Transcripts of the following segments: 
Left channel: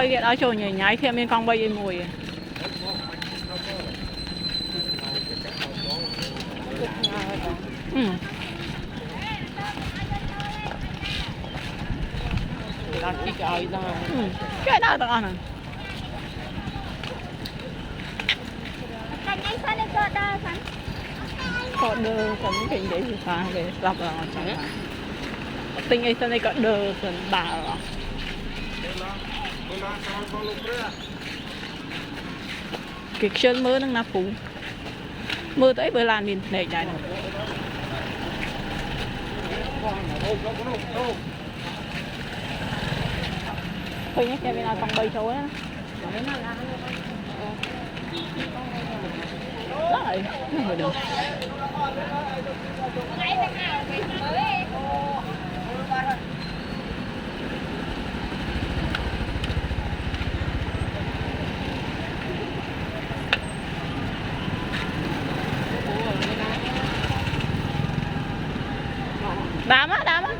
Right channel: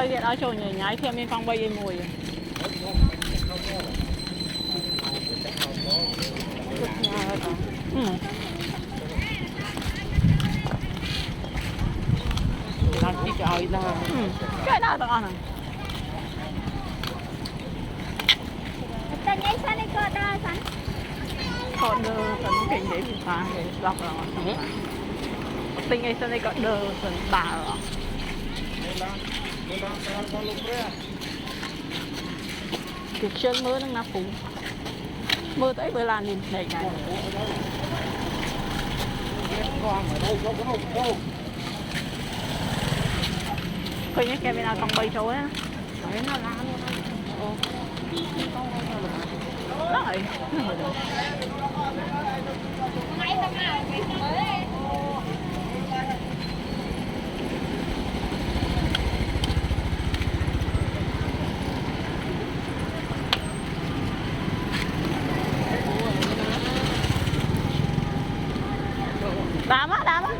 bay cái đó trôi nhảy nhảy thêm bên con bay dây mùi cái đó tao ăn à có đơ còn cái gì thì phá để đặt là tinh ấy này có đơ còn bảo cái chân mưa nó phủ mưa tới bữa lan nhìn để chạy thôi nhé cái bên nào còn bay trôi á rồi không phải được đám á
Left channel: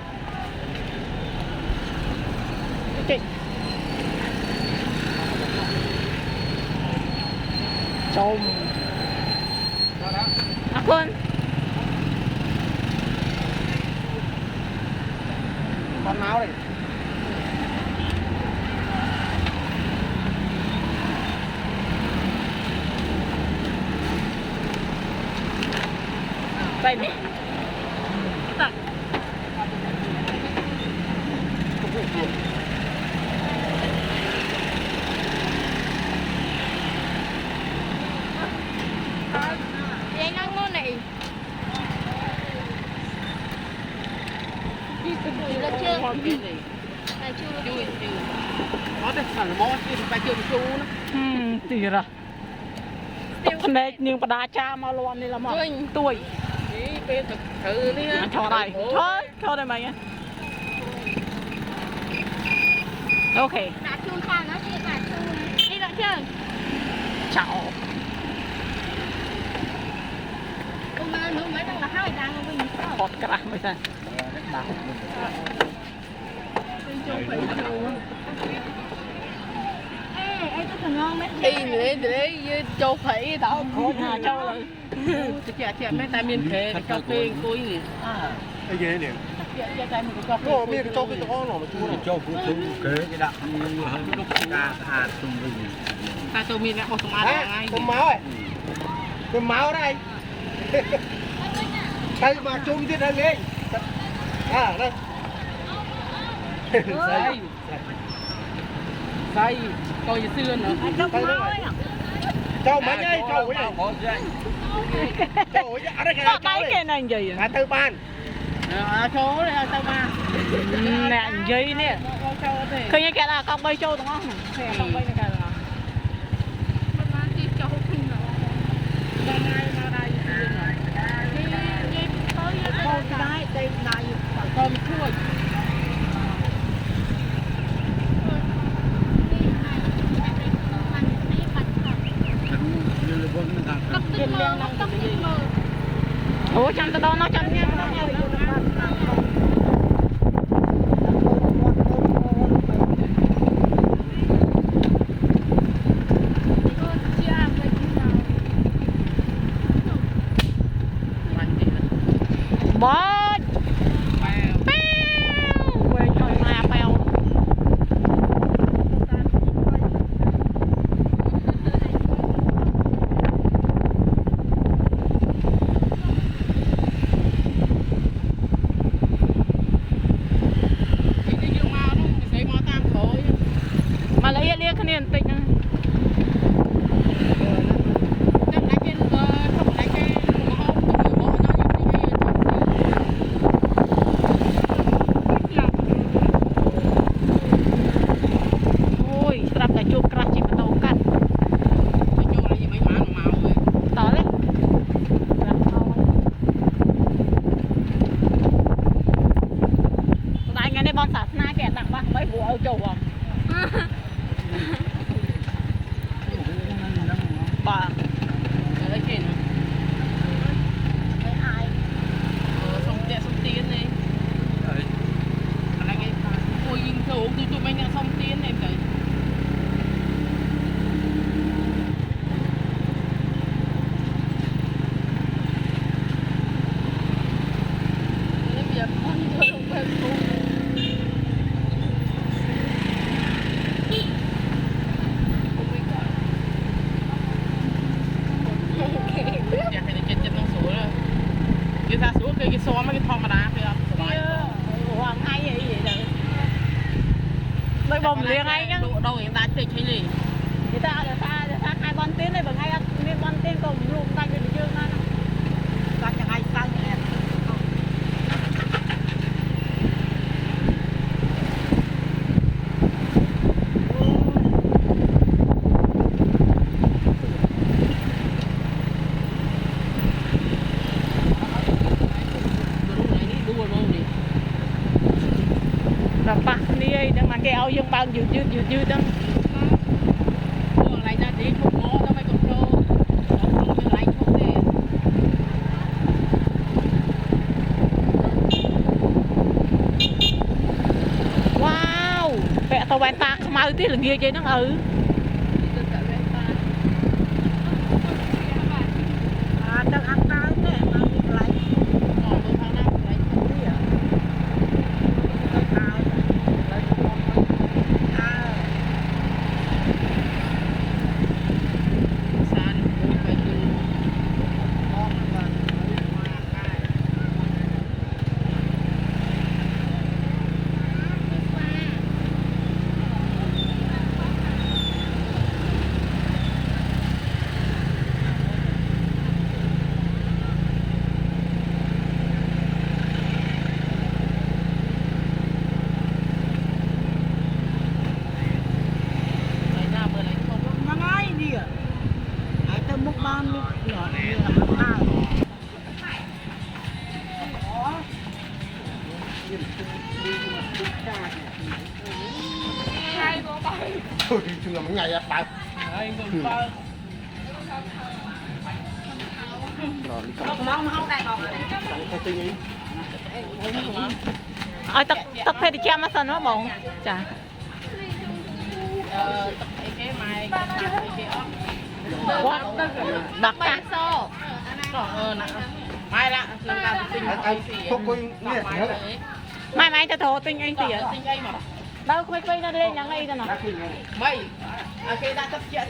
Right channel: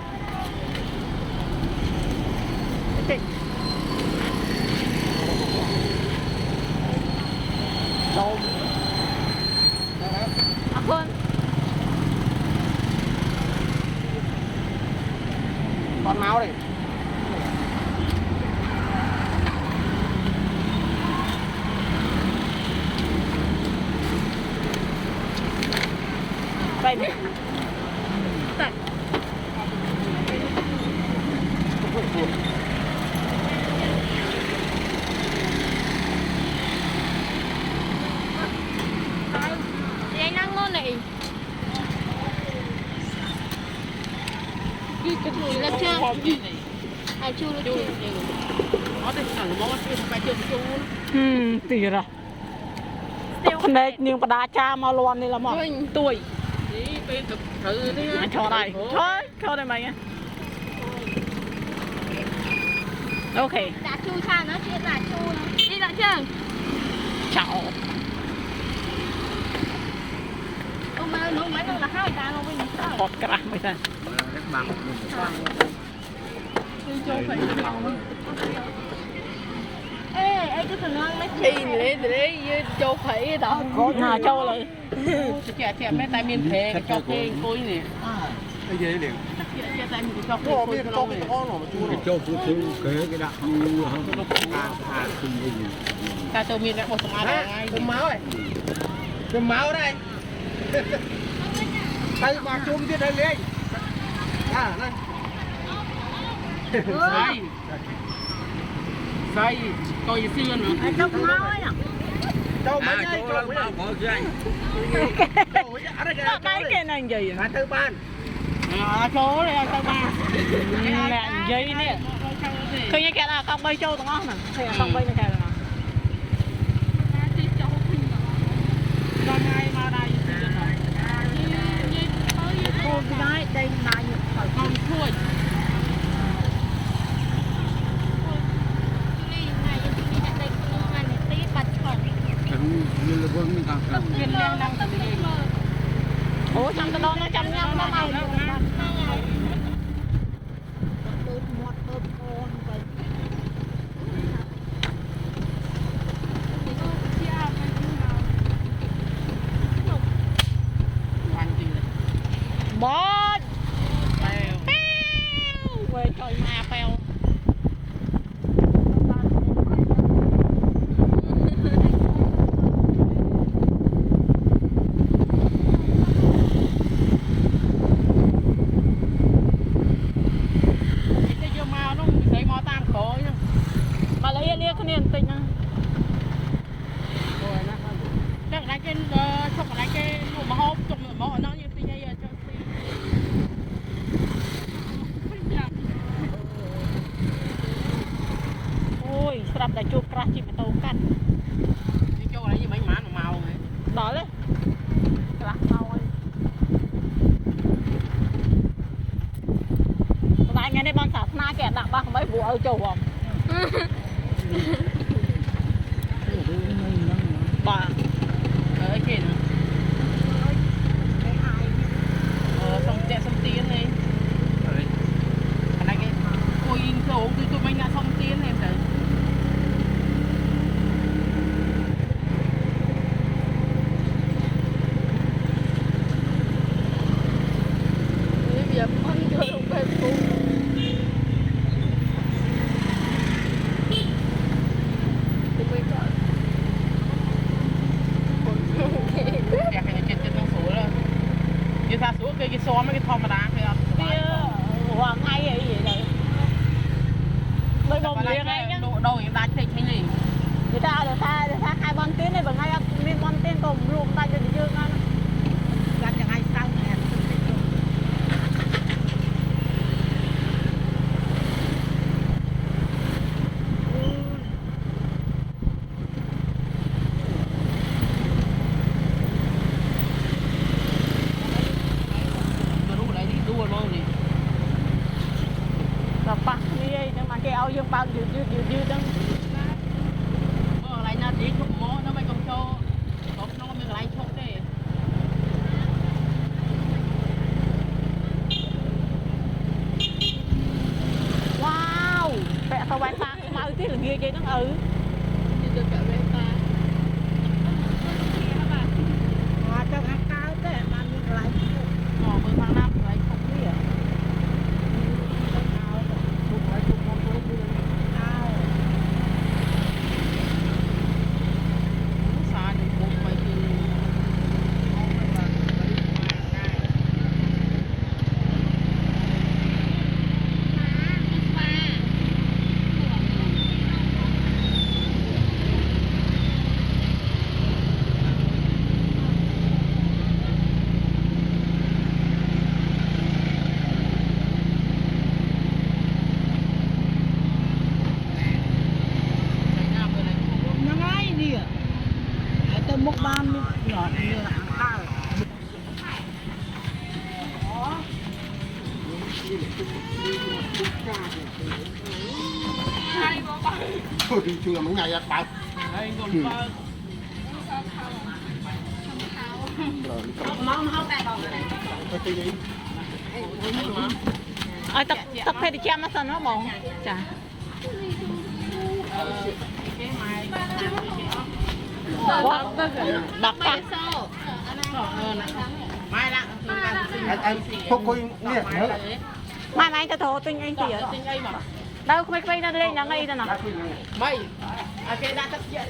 chị bông quên con máu này đây này tập anh đang ngon này chưa tì ra con này nhưng mà đá cha mà loan này là mỏ tuổi cho đây cho đây mày ok chào hot cả mấy thằng đi để châu phỉ đó hà châu là chị mấy tay miền thế cho cái cối gì cái gì liền có miền có cái đó nó chú nó châu phú cái đạn ta châu miền đã một số ai ngay cơm máu đây tay mà chung chứ đây lên đây say coi xưa nữa cho mấy nhây cho mấy cái này gì à tư ban số này tư ban nè dây nè thôi như cái là con bay châu đúng không nè con bay này cái là đây này phải con thôi ủa trong tao đâu nó trong nhau nó màu đó mấy vụ ở châu không bà ở kia nè xong tiến đi cái ôi in cầu tụi mình đã xong tiến em tới ra xuống cái xóm cái thom mà đá thì hoàng hay vậy đấy mới bồng liền ngay nhá đâu hiện tại thì chơi gì người ta là tha hai bon tiếng này bằng hai miếng bon tiếng cùng luôn tay được chưa ngay làm chẳng ai sao nhỉ đập bạc đi để mà cái áo dương bao dư đó lại ra tí chụp mó nó phải cầm cho nó không như lại chụp đi wow vẽ tao vẽ ta mau tí là nghe chơi nó đi được cả bên ta đang ăn tao thế mà lại bên thằng nào lại chụp đi à đi chưa là mấy ngày á bạn anh còn ba mong không đây còn ok đi tao phải đi chăm nó nó bồn chà cái mai quá bạc ca mai lạ anh không coi nè mai cái thổ tinh anh tỉa tinh ấy mà đâu quay quay nó lên nhắn ngay ra nào mày cái đã tập chuyện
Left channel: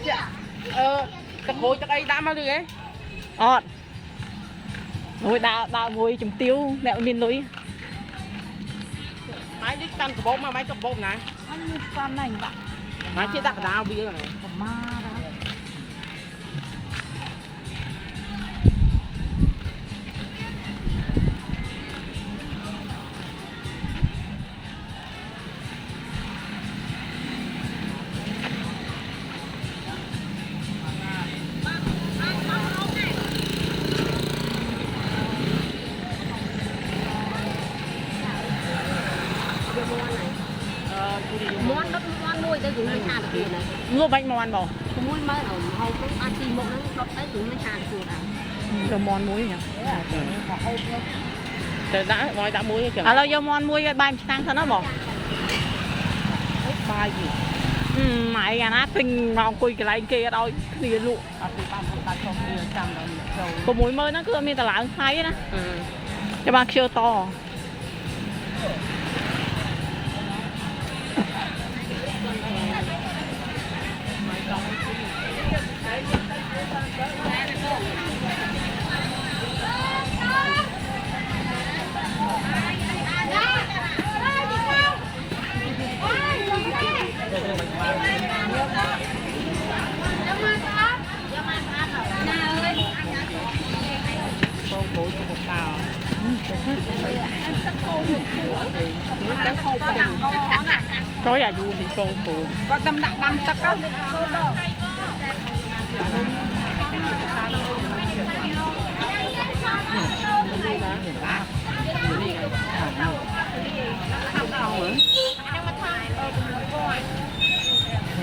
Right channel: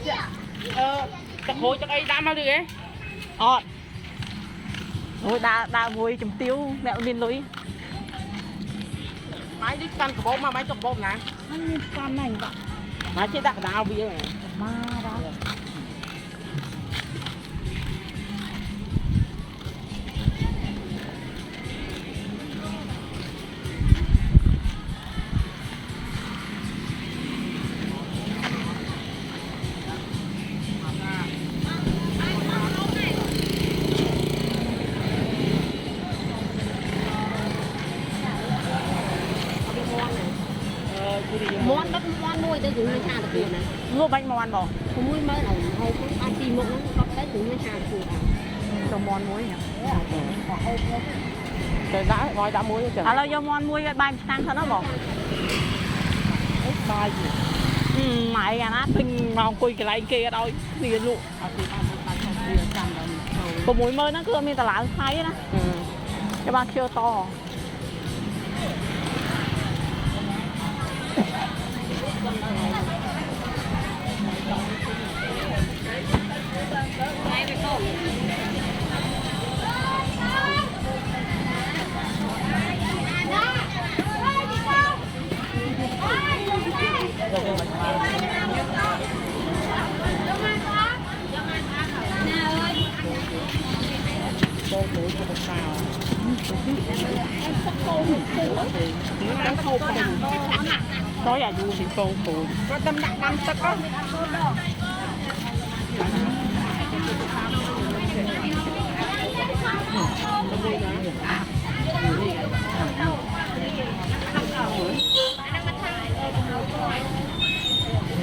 tập hồi chắc ấy đã mà được ấy ôi đã vui chùm tiêu mẹo miền núi máy đi căn của bố mà máy chọc bố nè anh can này máy chế đặt nào bây giờ ma đó món đất món nuôi tới dùng như hà được này mua bánh mòn bỏ không muối mới ở hầu cái ba chi một nó có tới dùng như hà được cho mòn muối nhỉ đã muối chẳng lâu vô mòn muối bay sang sao nó bỏ mai gì mày à nó tinh ngon quỳ cái lại kia đâu gì lụ có muối mới nó cứ mi tao lại hay đó cho ba chưa to con bụi cho một xào có là du thì con bụi có tâm đặng năm sắc đó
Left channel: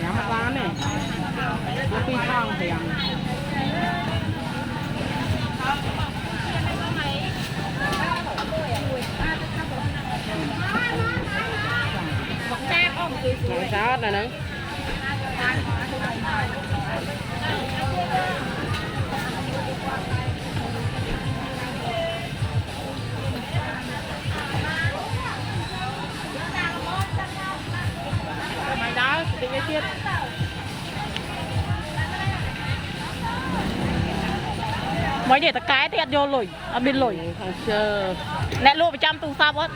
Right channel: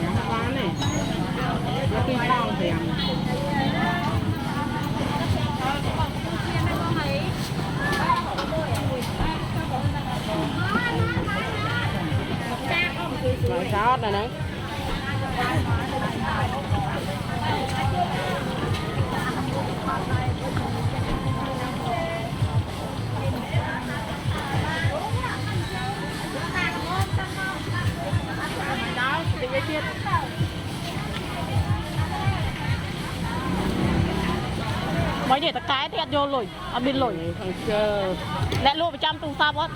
nhắm mắt lá này nó phi thang thì ăn nồi sốt này nữa mày đó đi lấy tiếp mày mấy để ta cái thì ăn vô lồi ăn bên lồi không chơi nè luôn phải chăm tu sao bớt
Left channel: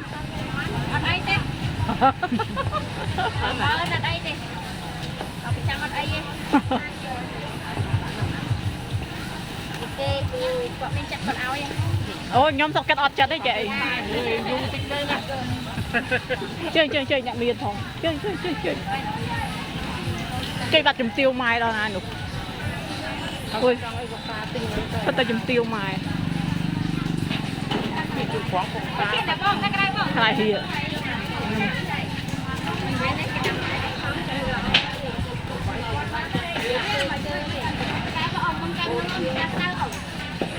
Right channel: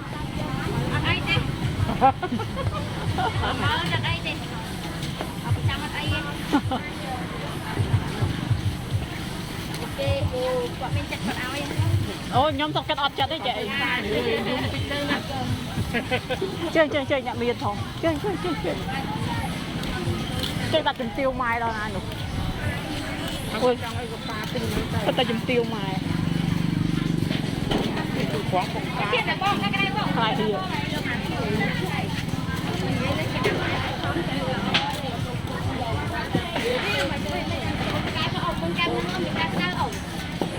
ở đây đi ở đây đi ở bên trong ở đây đi quạt bên chặt quạt áo vậy ôi nhóm tập cái ọt chặt đấy chị dùng tích đây nè chơi nhạc miền thôi chơi đặt chùm tiêu mai đâu anh được ôi trong ấy có pha tinh thật ta chùm tiêu mai khoáng không cá lại thì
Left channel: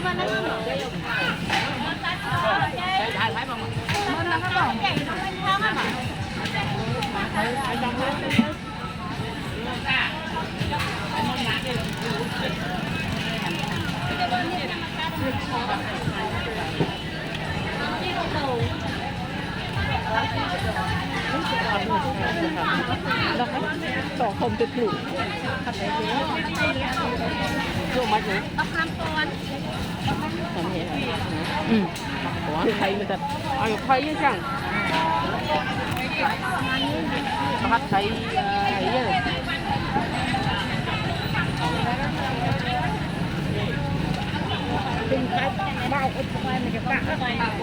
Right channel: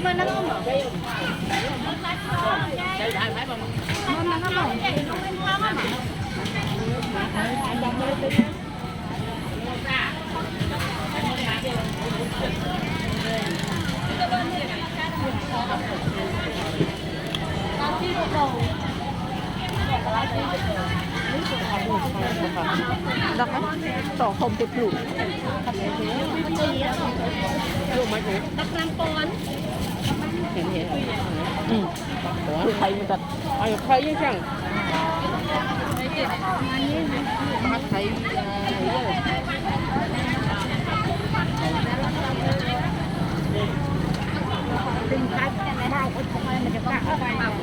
mà nó ngon rồi cái đại phải mà đọc đấy tỏ không tuyệt đủ vô mà thử tóc làm con được thấy người ta ai thấy chứ chẳng bắt thấy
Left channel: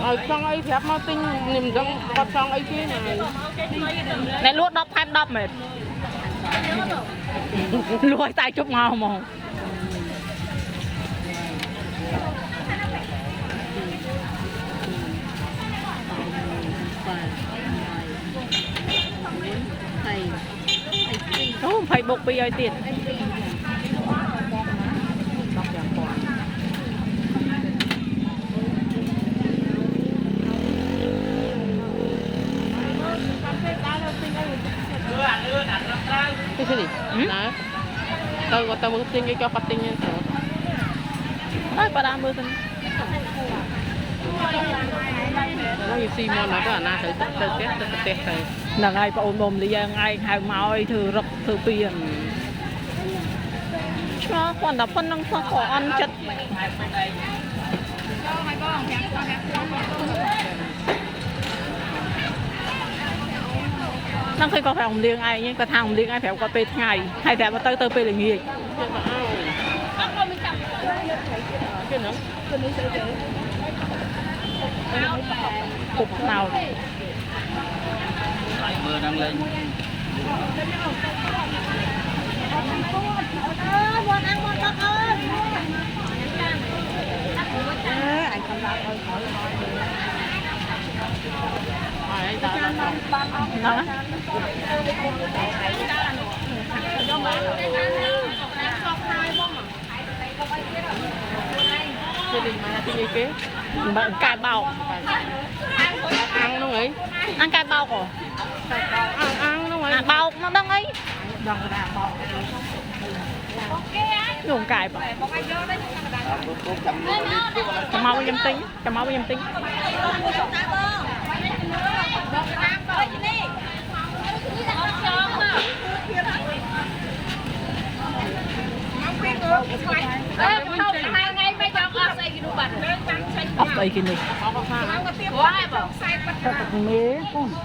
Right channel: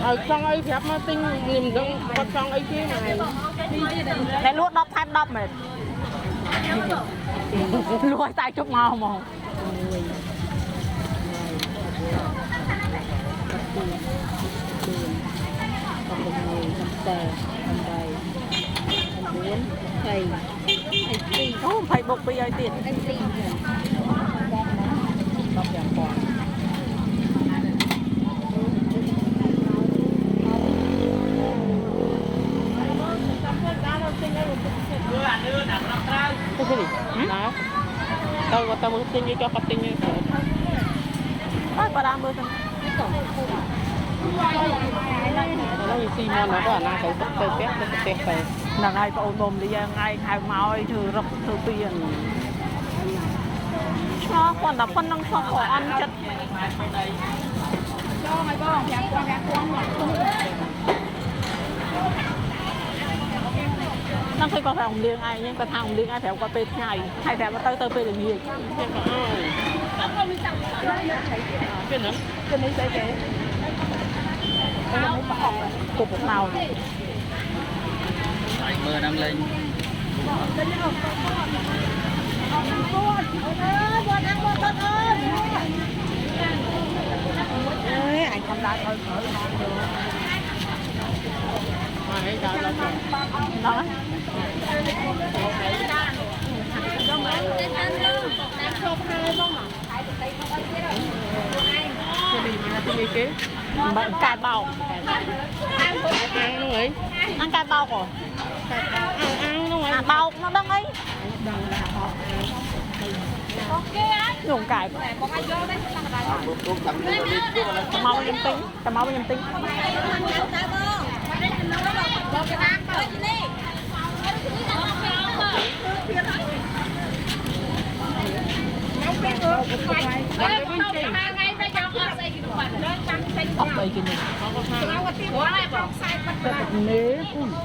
ở trong ấy phép nó tinh niềm rộng còn trong ấy kia này này luộc đọc thêm đọc mệt lùi tay chút màu mà phải buộc bây giờ tiền cái gì đó tao muốn tinh cho bắt tinh đấy bà đang luôn thôi xi mà nó có là thử tự kết tự test này là ngày bà ổn bồm đi ra ngày hai máu ấy thử rập thử tiền cho còn là phân năng cho khó ăn chất năng khi có phải ông liêng ai nhưng có thằng liêng ai phải có phê ngày hay phải có tới phê là gì cái nữa cục màu mưa đang lên anh không ra thôi khỏi ngon được đó cái gì mà cái gì kia bạn cà bao ăn luôn ấy ăn cà bao rồi ăn luôn ấy bao nó đăng ấy dùng cải cà mau nhâm tính ốc đây kia này mế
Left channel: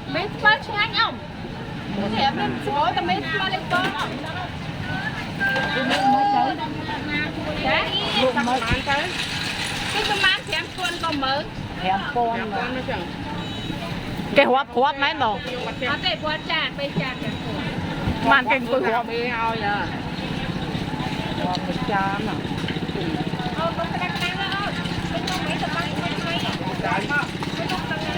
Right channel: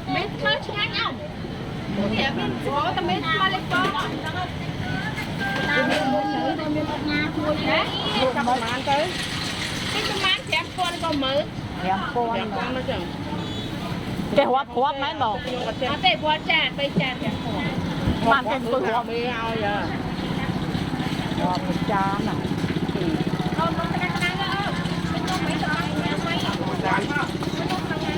mấy con ngay không thì bên phố tao mấy con lên con cái tôm ăn thì em con còn mới em con nó chẳng cái hóp mấy đồ nó để bữa trà bây trà thì màn kinh tôi hóp mới ao giờ hóp một cha mà bữa cái đang đó bên con mấy tôm ăn mấy bên con đang ngay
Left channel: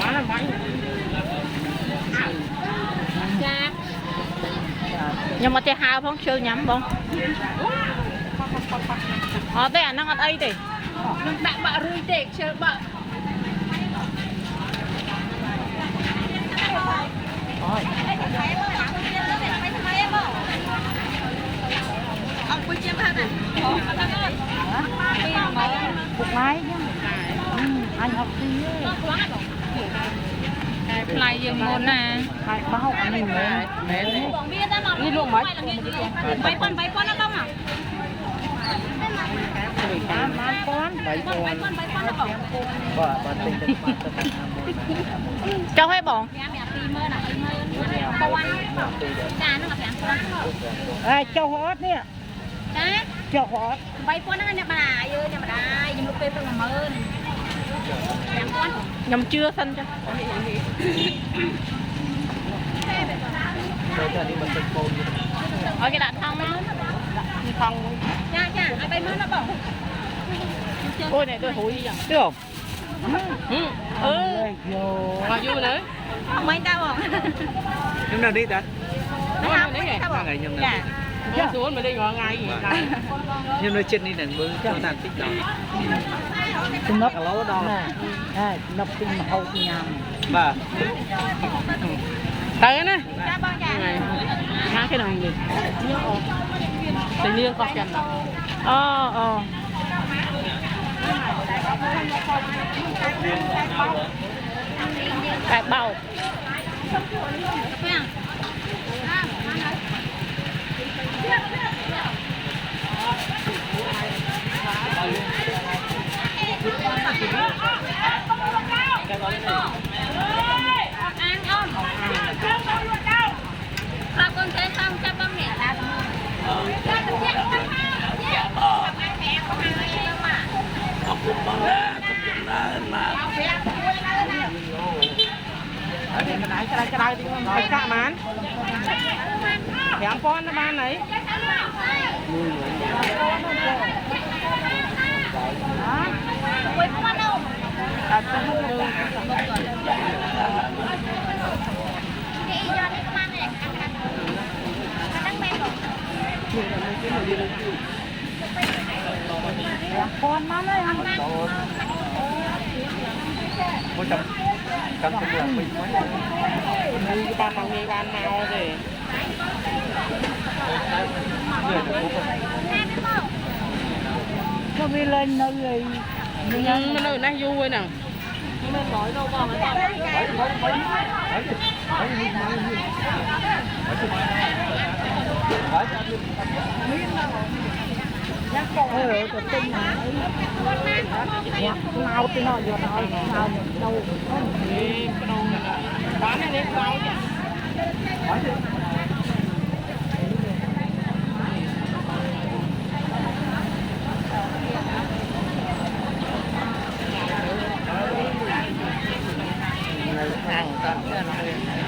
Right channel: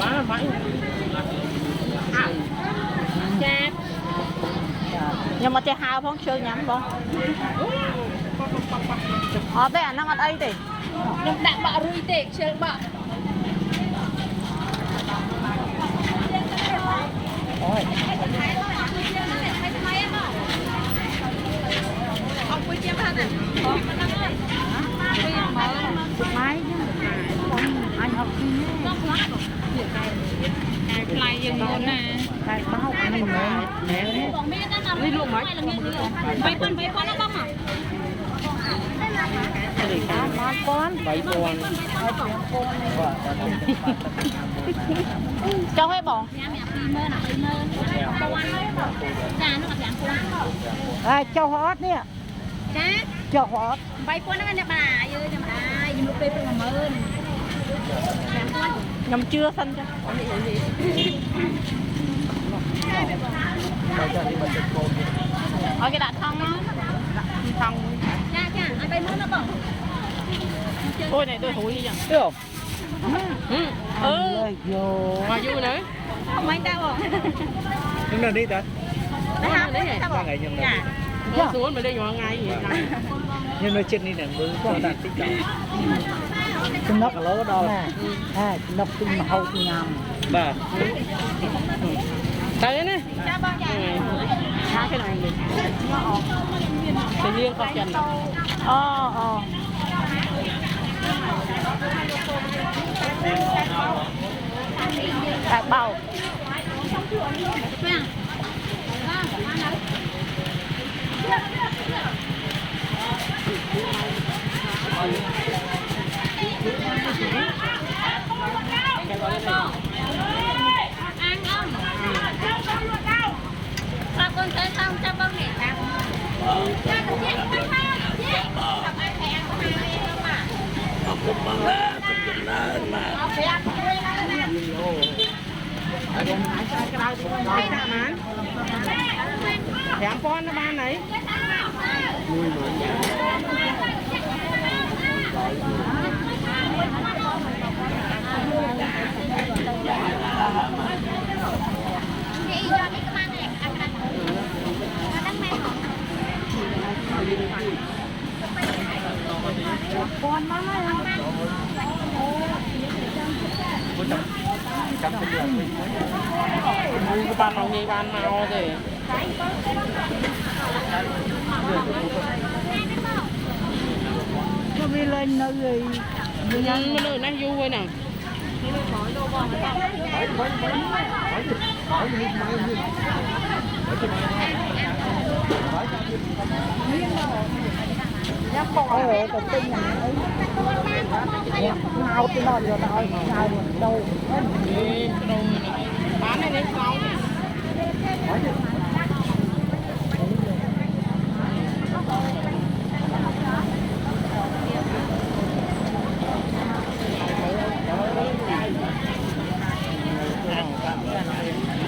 bán là phải trà nhưng mà chơi hao không chơi nhắm không đây nó ăn ấy thì nó đặt bạ rui tệ chơi bạ ông có chiếm hết rồi một máy anh học gì cái play gì nè cái bao anh mình mẹ đi luôn mấy con nó không à 5,000 7 con cho hay bọn cho hót nè cho hót 3,000 ហ្នឹងអ្នកបាយើអ្នកបាខ្ញុំមកពេលព្រឹក 10000 nhầm chưa sân cho ở cái đặt thông á thôngចាចាឲ្យ 30000 ណាបង ôi này tôi hủi gì vậy được mà vui nữa អមិនតាបង nhưng là đi ta nó đi này ngày nhưng là Nó xuống mà đi ngồi ngay gì nhưng mà trên đi này bưng trong đàn tích chúng nó lố đâu nó tinh mà hậu nhầm bà thấy nè ចាបងចា cái này mình tự nhiên con chân tại bầu cái gọi này sao con thế không cho bông nhẹ cái cạ mán thèm con nó ban này đi cho đi các bạn này ăn ăn đắng men con má có chấm cái đường mình mới như cái ban ông nghe ban màu rồi cho đi lên nơi gì nhưng nơi này vui nè cái tinh này ai cái nó vừa nói đâu bán này đến đâu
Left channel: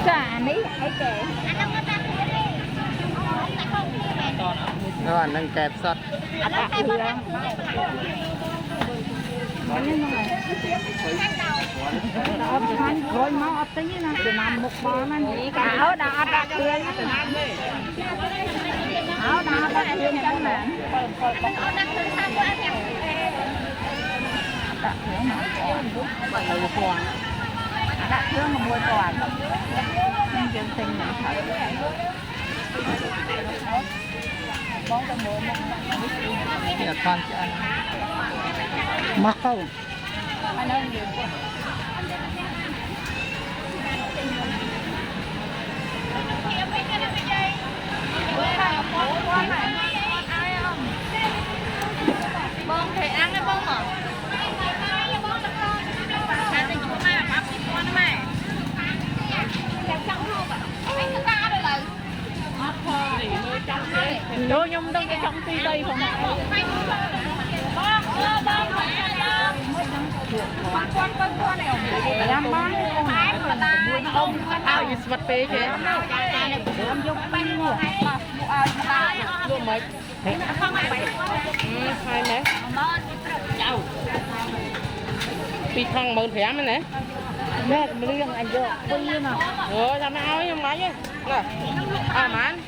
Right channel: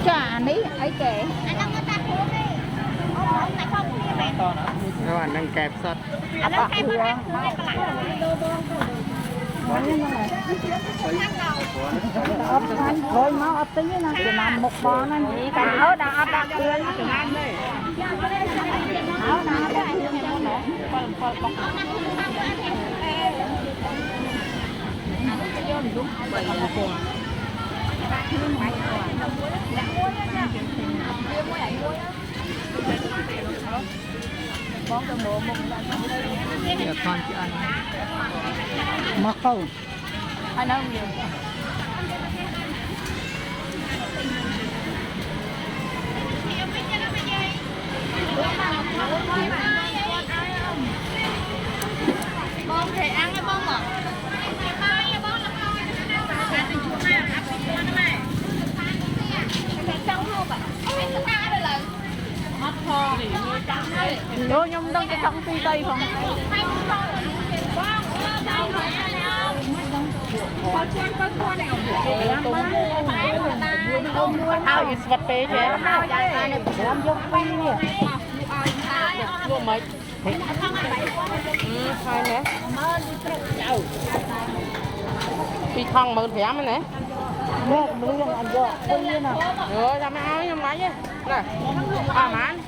chả mấy ấy kể anh đang ăn cuốn đi tại không các bạn đang kẹp sắt anh đang kẹp vào rồi nó tí nè thì làm một bò nó gì cả hết đã ăn ra đi từ nam đi nó cái này mua nè con chị ăn mắc không anh đâu nhiều bông thì ăn cái bông ngọt vô nhung đông cái trong tươi tây không ai vật tế chứ em vô pin luôn luôn mấy hai nè tuy không mượn thẻ mới nè mẹ riêng anh vô pin nè rồi ra mấy áo với máy chứ nè à mán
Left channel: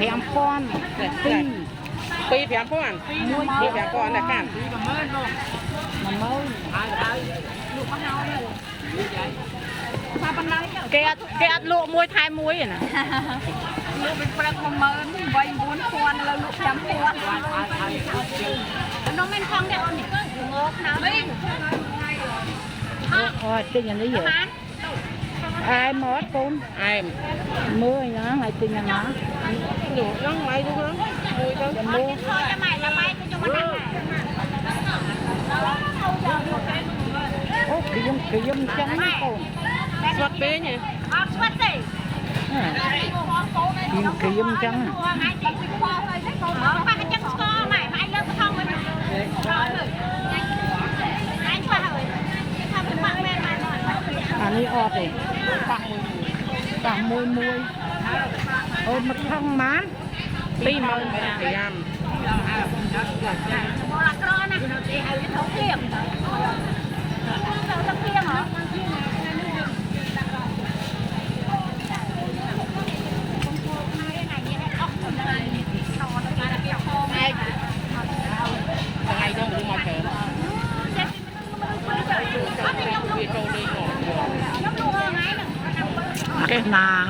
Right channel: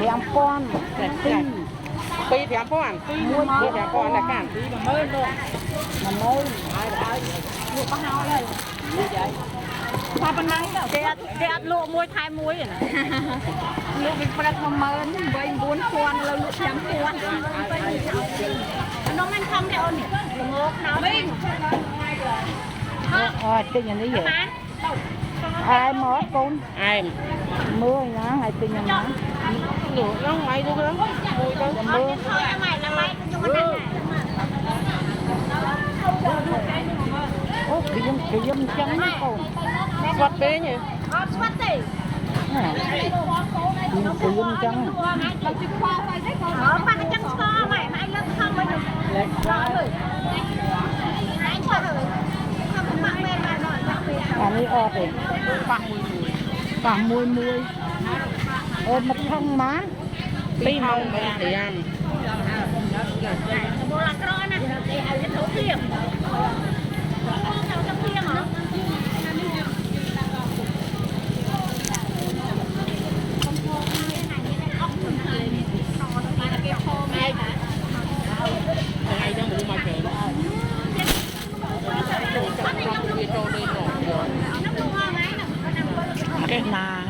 thèm con pi thèm phố ăn pi thèm phố ăn là cản cái lụa muối thay muối vậy nè lụa mình phải làm mờ mình vay 4 con là lụa thèm con nó men không để ôn thì cứ ngột nó đi cái nhàนี้vậy ai mót con ai mưa nhá ngày tin nhá lụa nó ngoài cũng đó mùi đâu mưa cái dâm trắng nó còn Xoát bế nhỉ? cái dâm trắngอันนี้โอเคปากมวยมันทั้งม้า Tí mong mấy thầy ăn. cái nà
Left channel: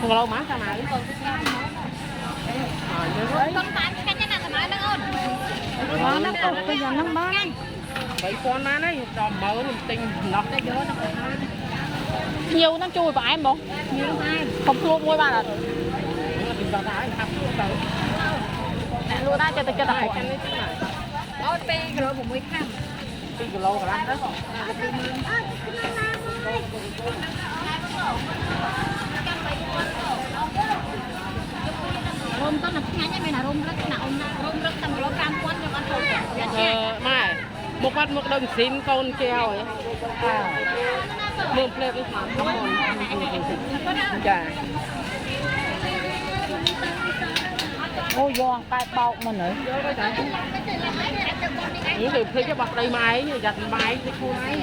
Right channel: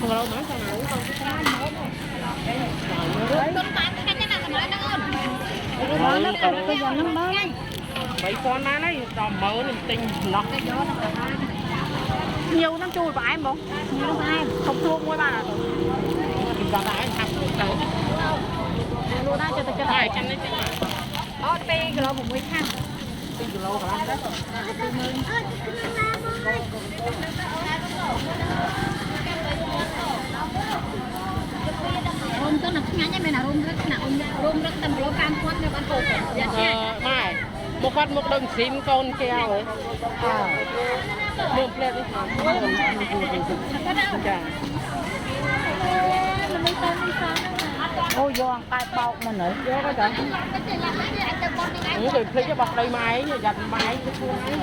Không có lâu má sao mà. cái giò nó bớt Vậy con má đấy, đò mỡ mình tinh lọt cái gió nó còn nhiều nó chui vào em không nhiều nó ai không chua mỗi ba là mình vào đá thật luôn đó cho ai chân đấy chứ mà. ở pi cái lỗ một mươi khăn Tí kilo cả lắm đó. Rom to nak nganya mena rom rất tâm rom cam quát nha con tụi. Mai, một phát một đồng xin con treo ấy. Một plate với thảm. Dạ. ôi giòn cay bọc mà nữa Những cái plate cái bọc đầy máy, giặt máy, cái khu máy.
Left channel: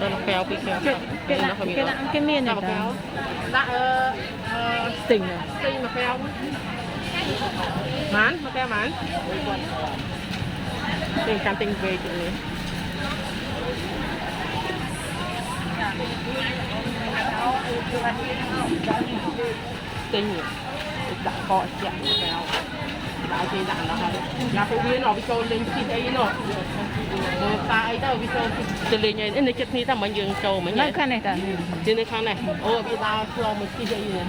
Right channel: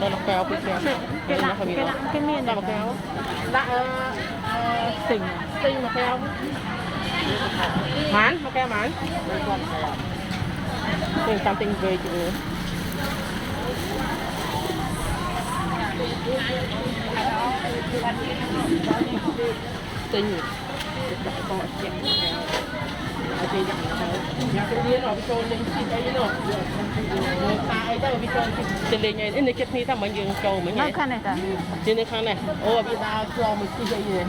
Đây là kéo cái kéo. cái miên này Kéo. Dạ tỉnh Tinh mà kéo. Mán, mà kéo mán. Tôi cam tinh về chị nữa. Tinh đặt cọ chẹn kéo. Đặt cái dặn nó. Là cái viên nó bị trôi lên xin đây nó. Ta ấy đâu bị trôi. Thì lên này nó chết ni ta mình dừng trôi mình nó nhảy. khăn này ta Trên cái này. Bây ta cho mình cái dây này.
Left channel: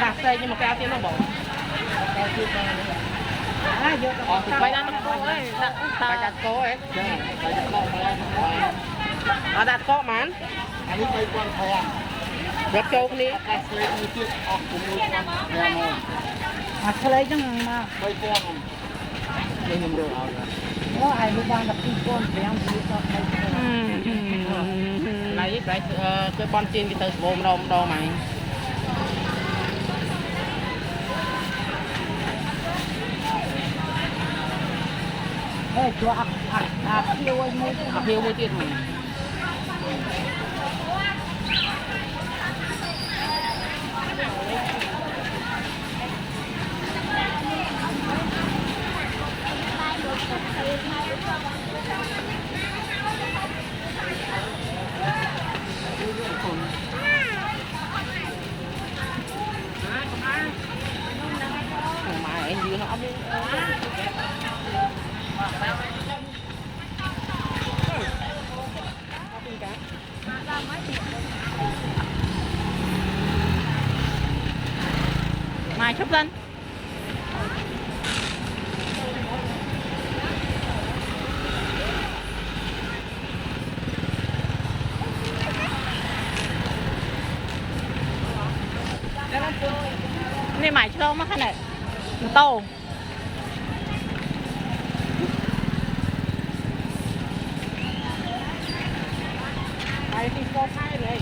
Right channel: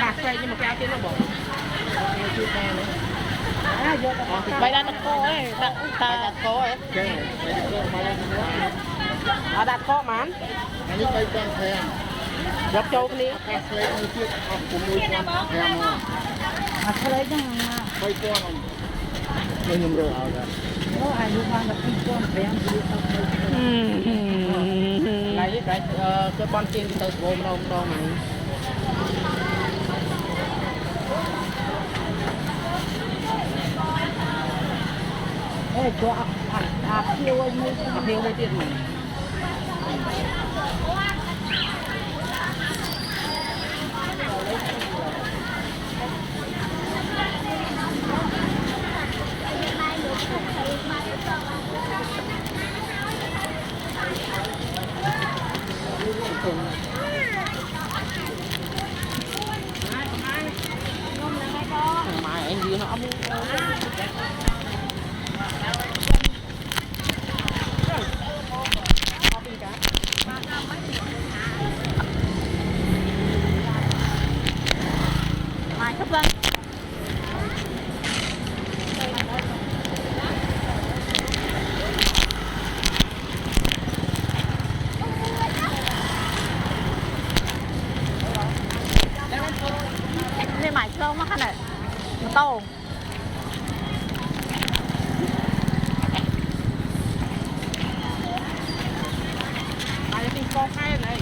Cà phê nhưng mà cái áo tiên nó bỏ. Vậy là nó cô ấy, đặt cô ấy. Đặt cô mán. Anh ấy bay con thèm. Giọt châu cái ní. Cà phê như tiếc ọc của mùi con thèm không? mà cái lấy cho mà Bay con không? Bay nhầm rồi ảo ra. có ai đi qua là pin con bèn đi Lấy cái con trên cái tờ gồm đo này. ê cho kêu anh mới Nhiều mấy tiền mình. Mà anh dư nó ấm. mai cấp dânนี่หมายเชื่อมากขนาดโต Ai thì có khai này.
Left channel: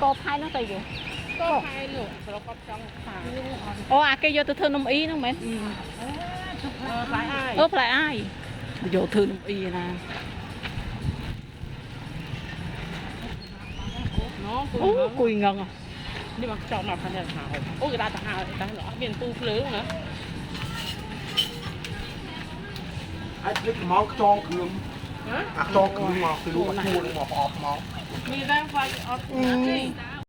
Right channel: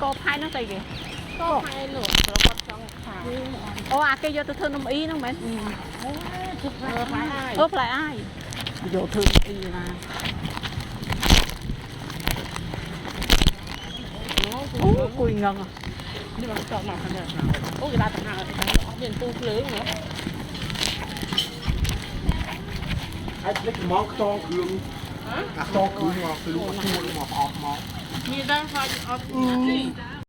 cô phai nó gì kìa Có khai nữa, nó có trong thả. ô cái vô tôi thương ông ý nó mấy Phải ai? lại ai vô thương ý là โอ้กุยเงง นี่มันจอดหน่อยขนาดหนาวโอ้ยลาต่างหากต่างหากเปลี่ยนปูเพลิงนะ ไอ้เล็กมองตองคืนอ่ะตองคืนมาคือลูกคู่ออกมา มีได้ไฟออฟนะสิ